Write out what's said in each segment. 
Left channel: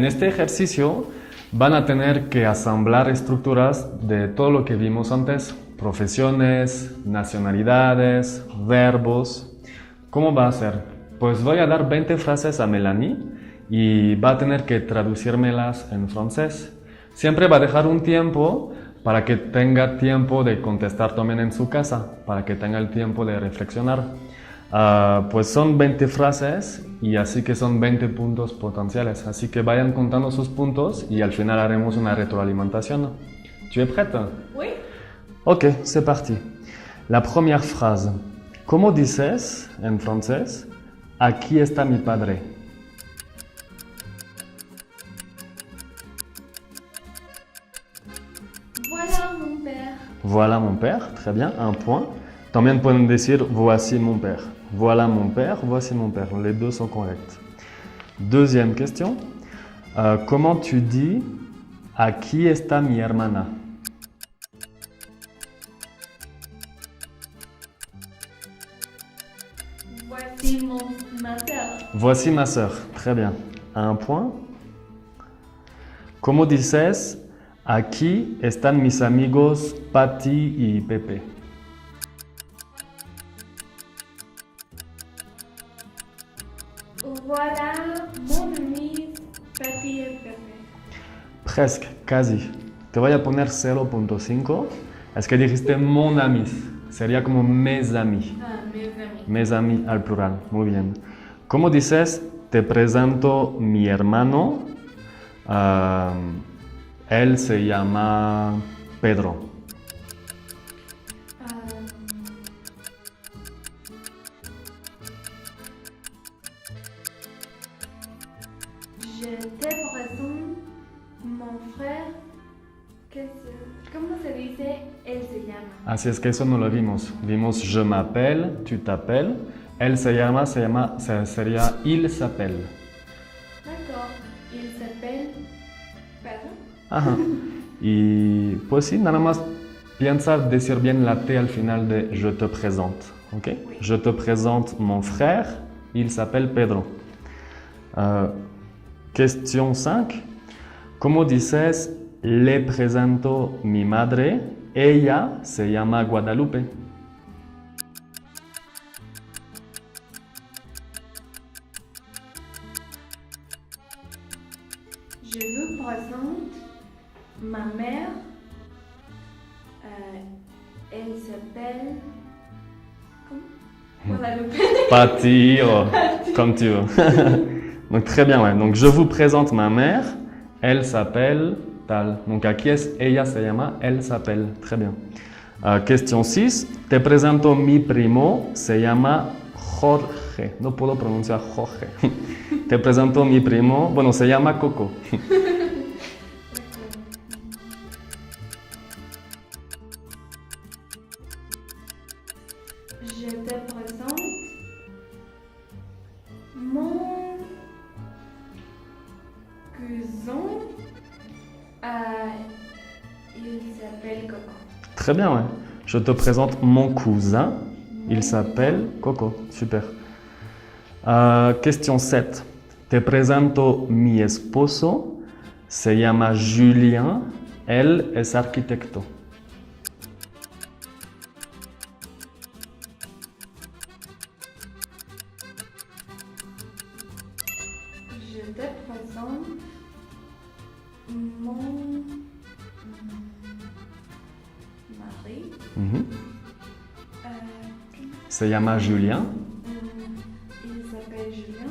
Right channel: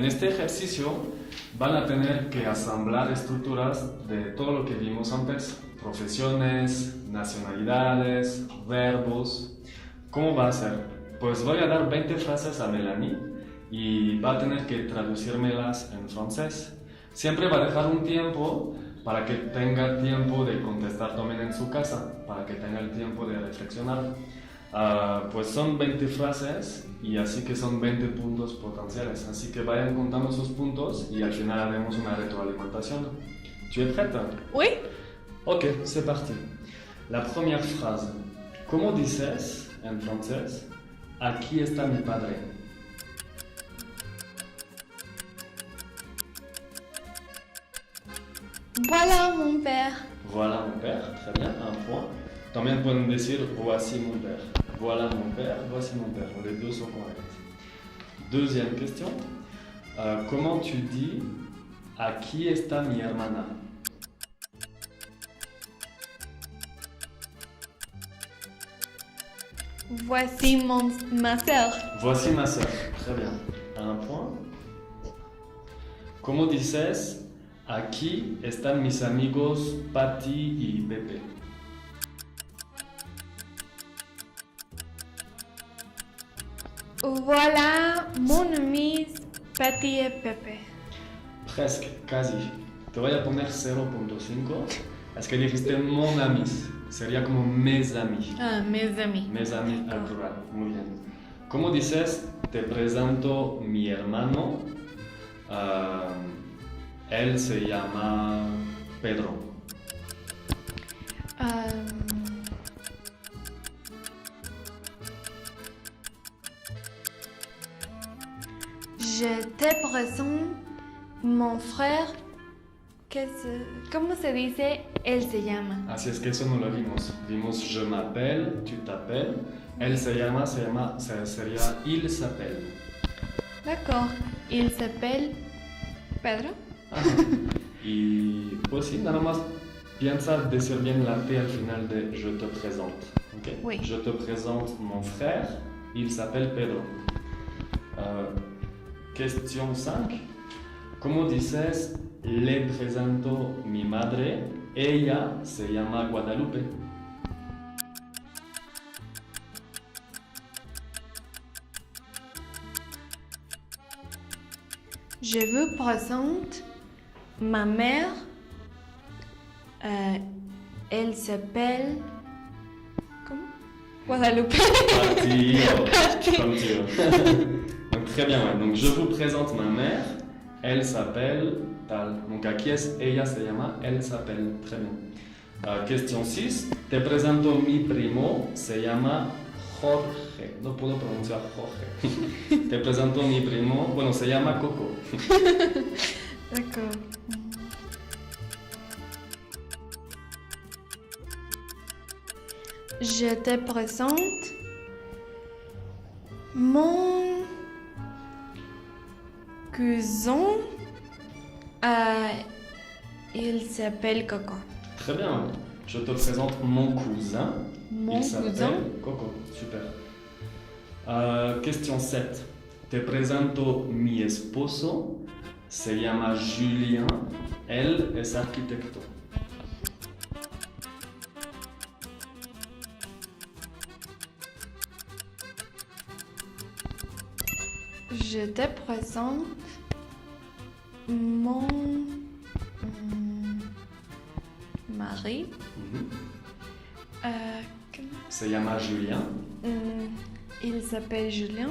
En este ejercicio van a tener que asamblar estructuras de todo lo que vimos antes, profesiones, nacionalidades, verbos. ¿Cómo va a ser? Pues voy a dar 20 frases a Mélanie y va a tener que traducírmelas en francés. Siempre va a dejar un tiempo para que tenga tiempo de contestar también en su casa, para que tenga el tiempo de reflexionar. Pues son 20 frases y así que son 20 puntos potenciales. Así que vayan contando sus puntos y al final haremos una retroalimentación. ¿Tu es prête? Oui. Ok, c'est parti. La première phrase. ¿Cómo dices en francés? Aquí está mi padre. Voilà mon père. Voilà mon père, très bien, un point. También pueden decir voici mon père. Voilà mon père, voici mon père. Les deux sont corrects. Deuxième question. Comment tu dis aquí está mi hermana? Voici ma sœur. Voici ma sœur. Très bien. Un point. ¿Cómo dices aquí están mis amigos Pati y Pepe? Voilà mon ami Patty et Pepe. Presque, casi. Te voy a poner 0.5. Es que dijiste mon ami. Sería como mes amis. Ah, mes amis. Mes amis al plural. Muy bien. ¿Cómo dices te presento mi hermano? Él se llama Pedro. Je te présente mon frère. ¿Cómo se dice? Él se llama. Así es que eso no lo vimos. Vimos je m'appelle, tu t'appelles. Él se llama, sería il s'appelle. D'accord. Il s'appelle Pedro. Ajá. Y pues sí, nada más piensa decir bien la T al final de je te présente. ¿Ok? Oui. Je te présente mon frère, il s'appelle Pedro. Question 5. ¿Cómo dices le presento mi madre? Ella se llama Guadalupe. Je vous présente ma mère. Elle s'appelle. Comment? Guadalupe. Pati, comme tu veux. Donc très bien, ouais. Donc je vous présente ma mère. Elle s'appelle tal. Donc aquí es ella se llama, elle s'appelle. Très bien. Question 6. Te presento mi primo. Se llama Jorge. No puedo pronunciar Jorge. Te presento mi primo. Bueno, se llama Coco. D'accord. Je te présente mon cousin. Il s'appelle Coco. Très bien, ouais. Je te présente mon cousin. Mon Il s'appelle cousin. Coco. Super. Question 7. Te presento mi esposo. Se llama Julien. Él es arquitecto. Je te présente mon mari. Mhm. Comment- Se llama Julien. Il s'appelle Julien.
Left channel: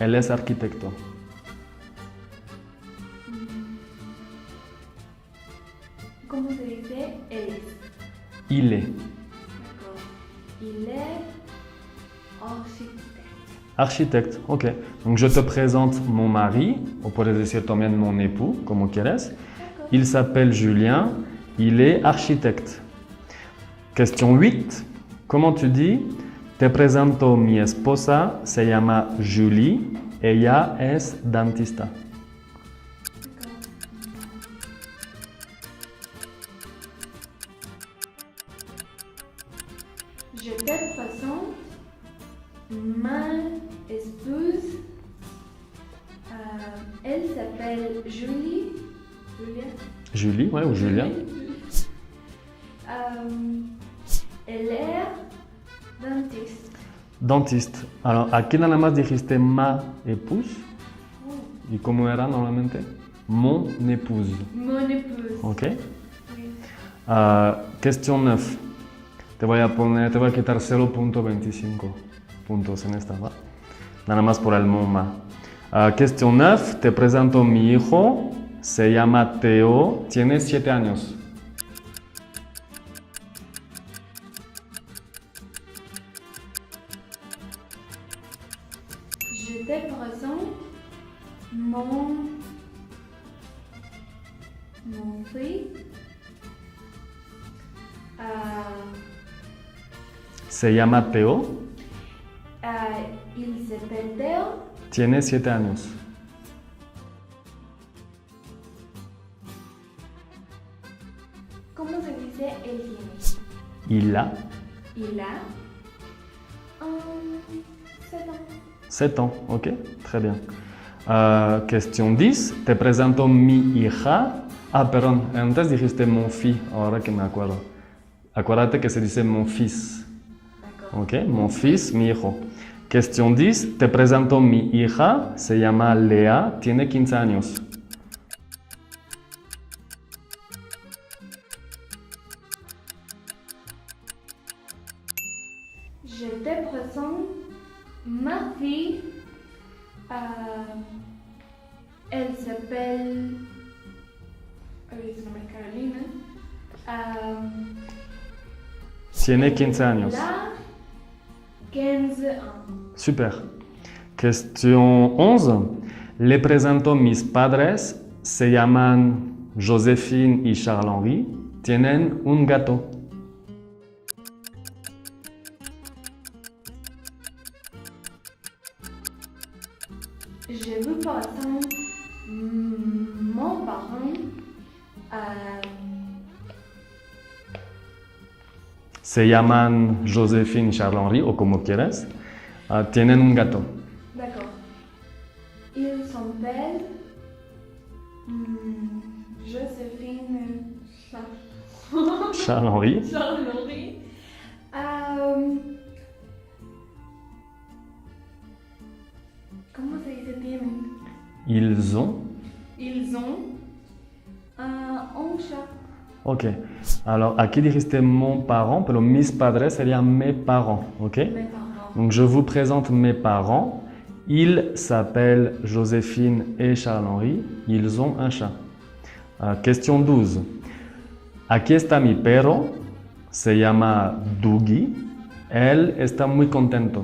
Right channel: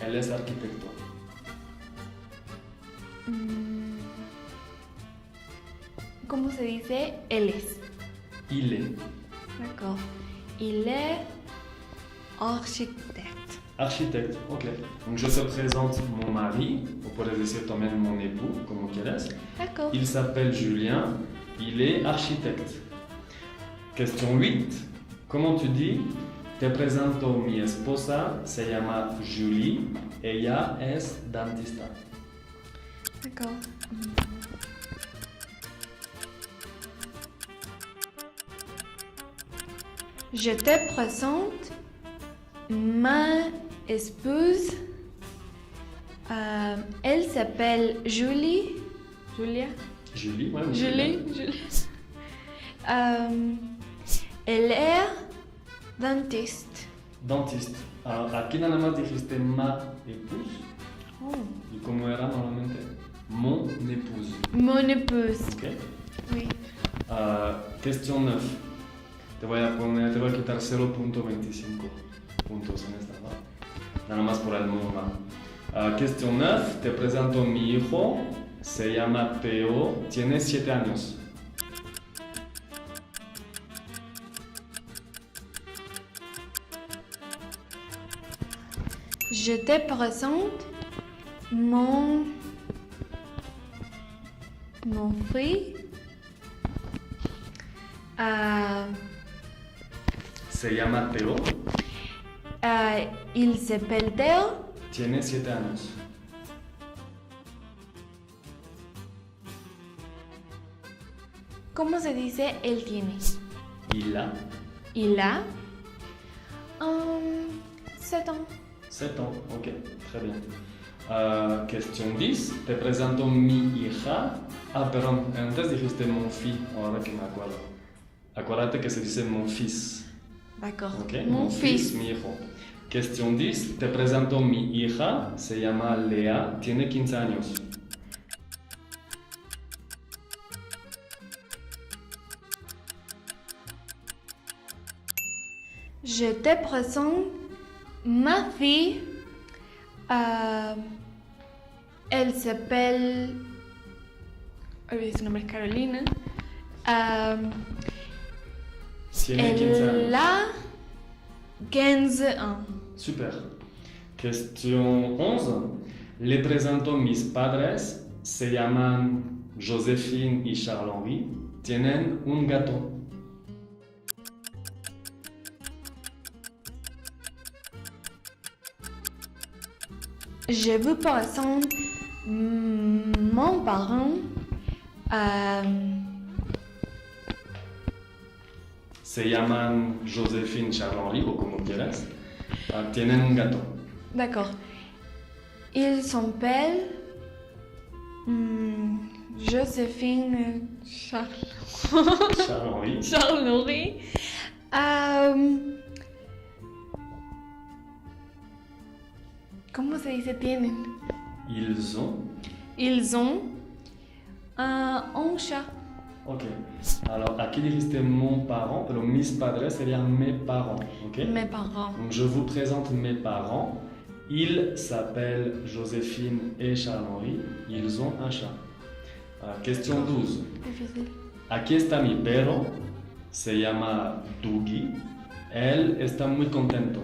Él es arquitecto. ¿Cómo se dice? Él es. Il est. D'accord. Il est architecte. Architecte, ok. Donc je te présente mon mari, o puedes decir también mon époux, como quieres. D'accord. Il s'appelle Julien, il est architecte. Question 8. Comment tu dis? Te presento mi esposa, se llama Julie, ella es dentista. D'accord. Je te présente ma épouse. Elle s'appelle Julie. Julia. Julie, ouais, ou Julia. Julie. Elle est dentiste. Dentiste. Alors, aquí nada más dijiste ma épouse. ¿Y cómo era normalmente? Mon épouse. Mon épouse. Ok. Oui. Question 9. Te voy a quitar 0.25 puntos en esta, ¿va? Nada más por el MUMA. Question 9. Te presento mi hijo. Se llama Teo. Tiene 7 años. Je te présente mon fils. Se llama Teo. Il s'appelle Théo. Tiene 7 años. ¿Cómo se dice él tiene? Il a Il a 7 ans. 7 ans. Ok, très bien. Question 10. Te presento mi hija. Perdón, antes dijiste mon fils, ahora que me acuerdo. Acuérdate que se dice mon fils. D'accord. Ok, mon fils, mi hijo. Question 10. Te presento mi hija. Se llama Lea. Tiene 15 años. Je te présente ma fille. Elle s'appelle. Su nombre es Carolina. Tiene 15 años. La 15 ans. Super. Question 11. Le presento mis padres. Se llaman Joséphine y Charles-Henri. Tienen un gato. Je vous présente mon parent. Se llaman Joséphine y Charles-Henri, o como quieras. Tienen un gato. D'accord. Ils s'appellent Joséphine Charles-Henri. Charles-Henri. ¿Cómo se dice tienen? Ils ont. Ils ont un chat. Ok. Alors, aquí dijiste mon parent, pero mis padres serían mes parents. Ok. Mes parents. Donc, je vous présente mes parents. Ils s'appellent Joséphine et Charles-Henri. Ils ont un chat. Question 12. Aquí está mi perro. Se llama Dougie. Él está muy contento.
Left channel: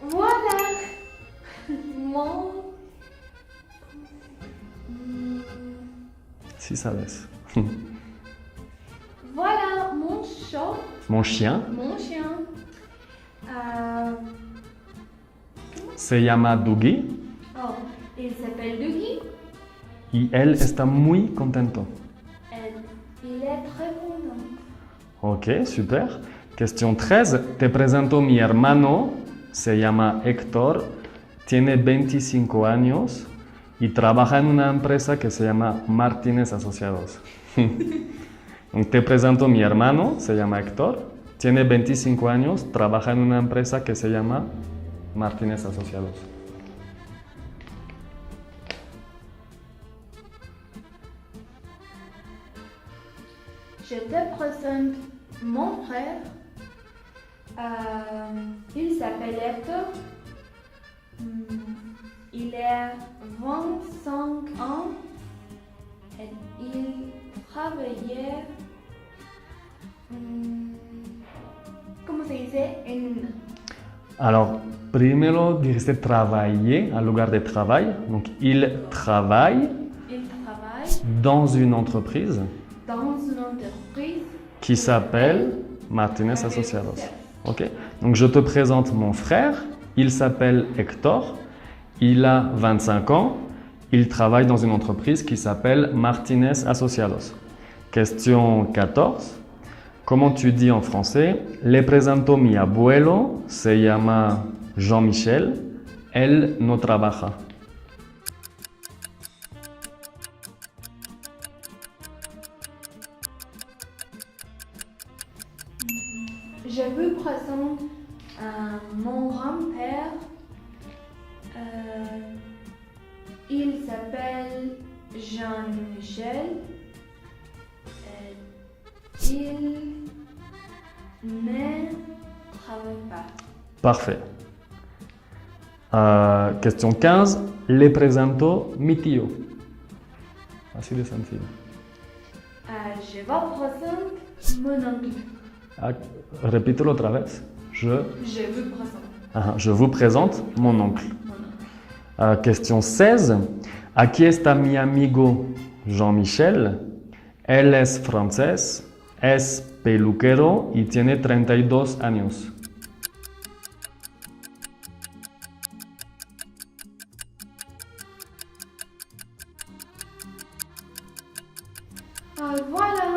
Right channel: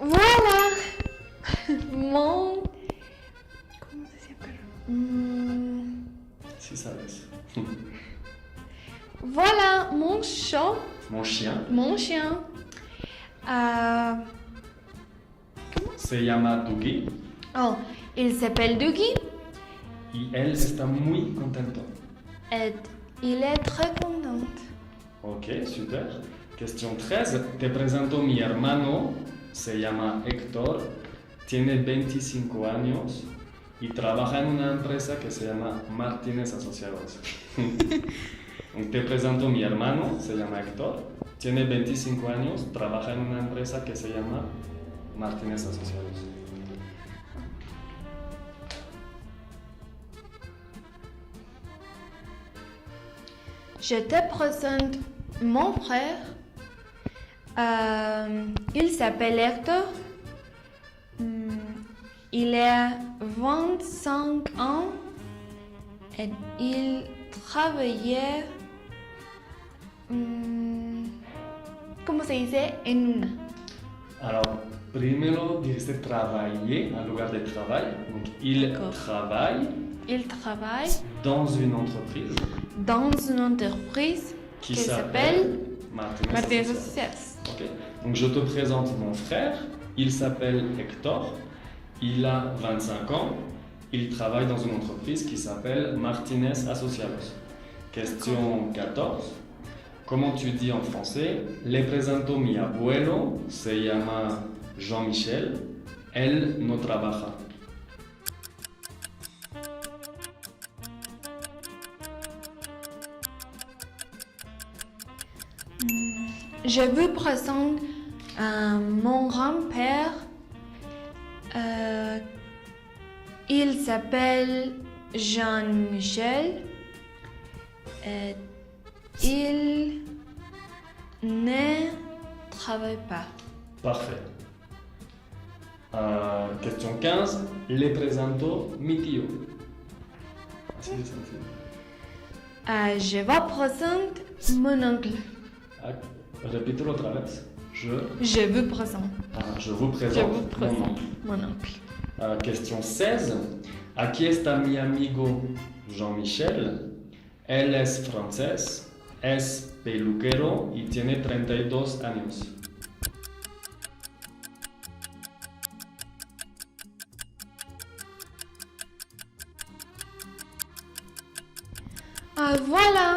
Voilà mon. ¿Cómo se llama? Si sabes. Voilà mon chat, Mon chien mon chien. se llama Dougie. Oh, il s'appelle Dougie. Y él está muy contento. Et il est très content. Ok, super. Question 13. Te presento mi hermano. Se llama Héctor. Tiene 25 años y trabaja en una empresa que se llama Martínez Asociados. Te presento mi hermano. Se llama Héctor. Tiene 25 años. Trabaja en una empresa que se llama Martínez Asociados. Je te présente mon frère. Il s'appelle Hector. Il a 25 ans et il travaillait. ¿Cómo se dice? En una. Alors, primero dijiste travailler en lugar de travail. Donc, il travaille Il travaille dans une entreprise dans une entreprise qui s'appelle Martínez Martínez Asociados. Asociados. Ok. Donc, je te présente mon frère. Il s'appelle Héctor. Il a 25 ans. Il travaille dans une entreprise qui s'appelle Martínez Asociados. Question 14. Comment tu dis en français? Le presento mi abuelo, se llama Jean-Michel, él no trabaja. Je vous présente mon grand-père. Il s'appelle Jean-Michel. Il ne travaille pas. Parfait. Question 15. Le presento mi tío. Así de sencillo. Je vous présente mon oncle. Repítelo otra vez. Je vous présente. Je vous présente mon oncle. Mon oncle. Question 16. Aquí está mi amigo Jean-Michel. Él es francés, es peluquero y tiene 32 años. Voilà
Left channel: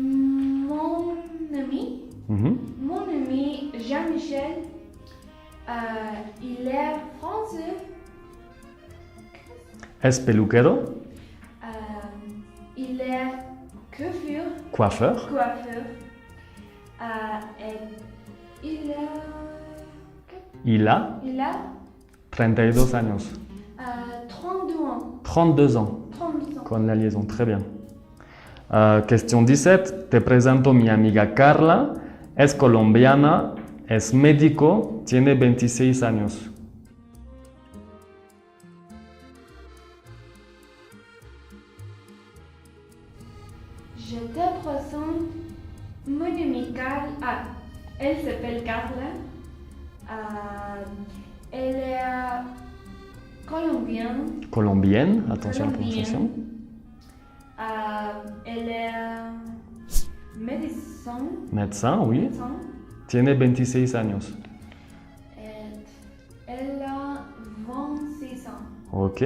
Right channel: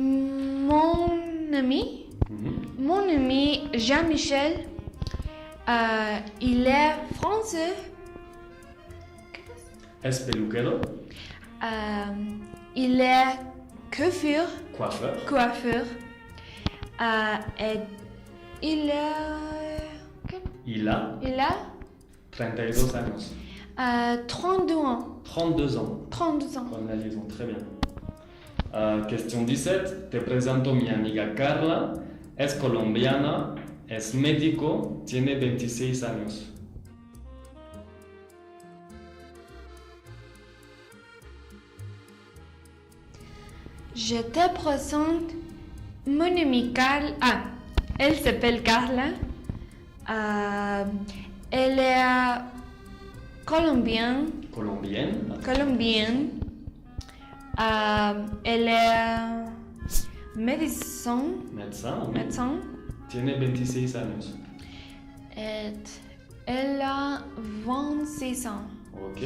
mon ami. Mon ami Jean-Michel. Il est français. Es peluquero. Il est Coiffeur. Et Il a il a 32 años. 32 ans. 32 ans. 32 ans. Con la liaison, très bien. Question 17. Te presento mi amiga Carla. Es colombiana, es médico, tiene 26 años. Je te présente mon amie Carla. Elle s'appelle Carla. Elle est colombienne. Colombienne, attention. Colombienne. Elle est médecin. Médecin, oui. Médecin. Tiene 26 años. Et elle a 26 ans. Ok,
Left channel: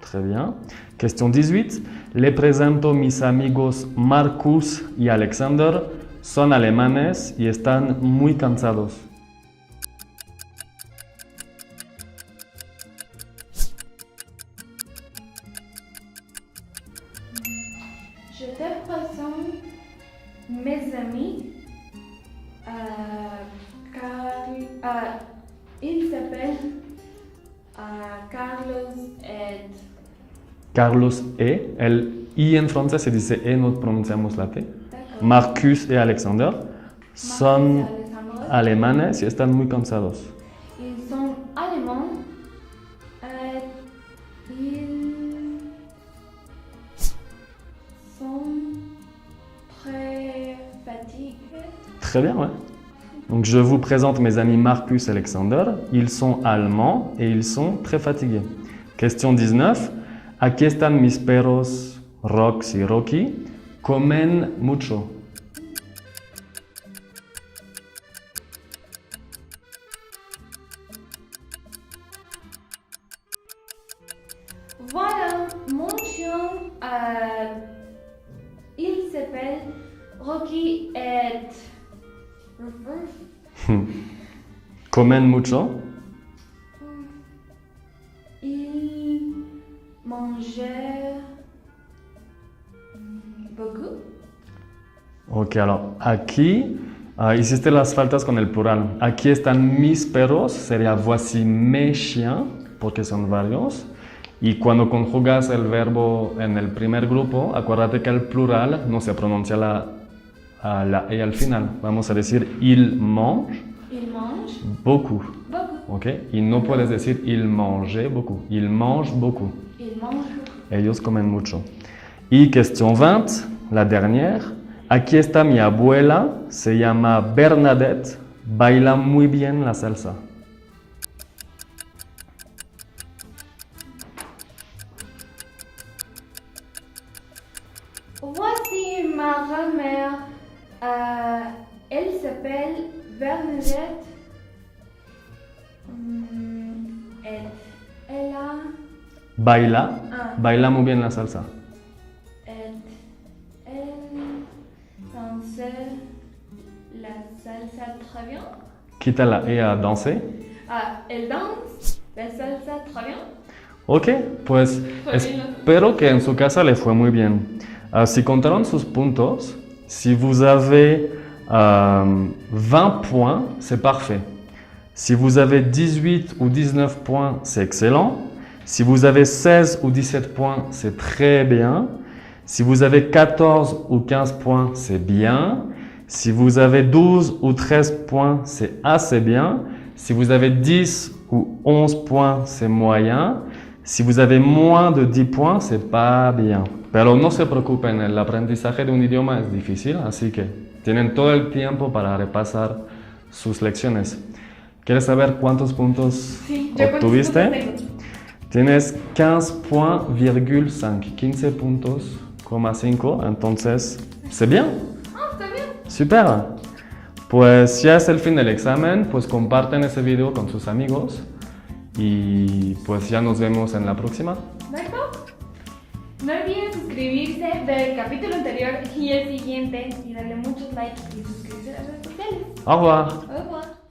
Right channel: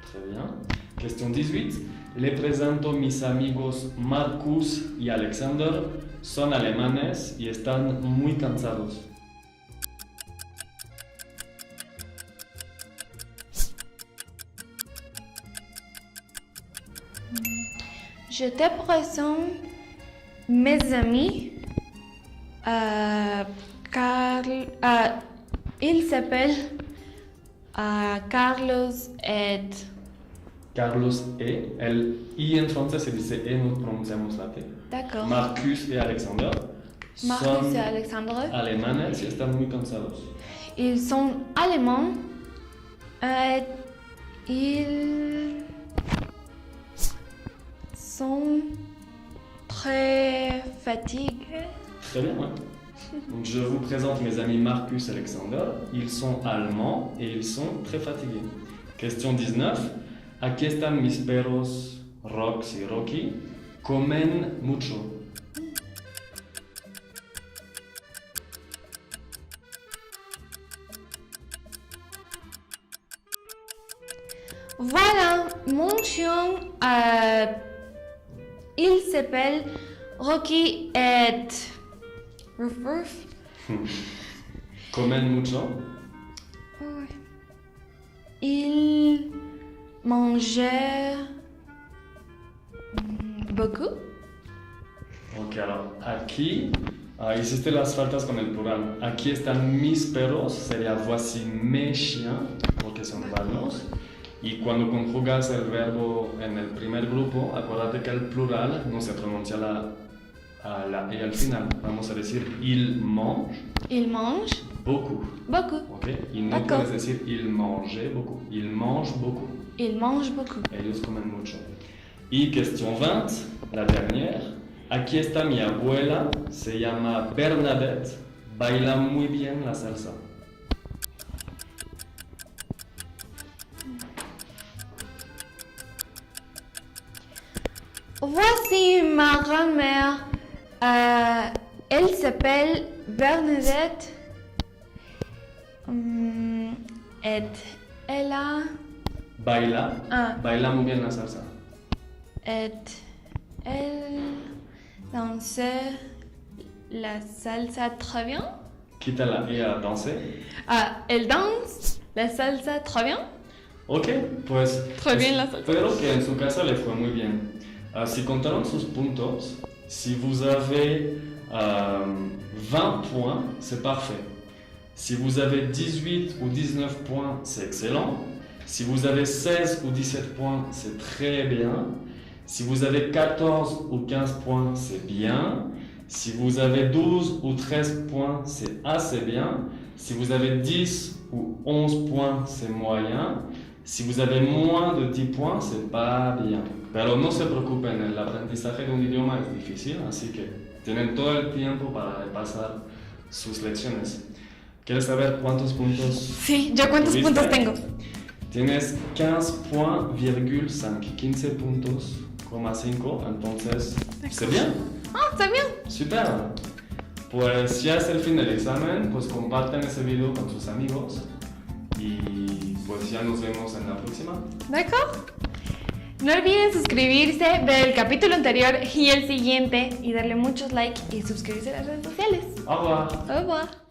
très bien. Question 18. Le presento mis amigos Marcus y Alexander. Son alemanes y están muy cansados. Je te présente mes amis. Il s'appelle Carlos et Carlos el I en francés se dice E, no pronunciamos la T. D'accord. Marcus y Alexander son Marcus et Alexandre. alemanes y están muy cansados. Ils sont allemands. Ils sont très fatigués. Très bien, ouais. Donc je vous présente mes amis Marcus et Alexander. Ils sont allemands et ils sont très fatigués. Question 19. Aquí están mis perros Rox y Rocky. Comen mucho. Voilà, mon chien, il s'appelle Rocky et Comen mucho. il mangeait beaucoup. Ok, alors aquí hiciste las faltas con el plural. Aquí están mis perros, sería voici mes chiens, porque son varios. Y cuando conjugas el verbo en el primer grupo, acuérdate que el plural no se pronuncia la E al final. Vamos a decir il mange Il mange beaucoup. beaucoup. Ok, y no D'accord. puedes decir il mange beaucoup. Il mange beaucoup. Il mange beaucoup. Ellos comen mucho. Y question 20, la dernière. Aquí está mi abuela, se llama Bernadette, baila muy bien la salsa. Voici ma grand-mère. Elle s'appelle Bernadette. Et elle a... Baila muy bien la salsa. Et Danser la salsa très bien. Quita la E a danser. Ah, elle danse la salsa très bien. Ok, pues Très bien la salsa. espero que en su casa le fue muy bien. Si contaron sus puntos, si vous avez 20 points, c'est parfait. Si vous avez 18 ou 19 points, c'est excellent. Si vous avez 16 ou 17 points, c'est très bien. Si vous avez 14 ou 15 points, c'est bien. Si vous avez 12 ou 13 points, c'est assez bien. Si vous avez 10 ou 11 points, c'est moyen. Si vous avez moins de 10 points, c'est pas bien. Pero no se preocupen, el aprendizaje de un idioma es difícil, así que tienen todo el tiempo para repasar sus lecciones. ¿Quieres saber cuántos puntos Sí, ¿yo cuántos obtuviste? puntos tengo? Tienes 15.5, 15 puntos, 5, entonces, ¿c'est bien? Ah, está bien. Super. Pues ya es el fin del examen, pues comparten ese video con sus amigos y pues ya nos vemos en la próxima. D'accord. No olviden suscribirse, ver el capítulo anterior y el siguiente y darle muchos likes y suscribirse a las redes sociales. Au revoir. Au revoir.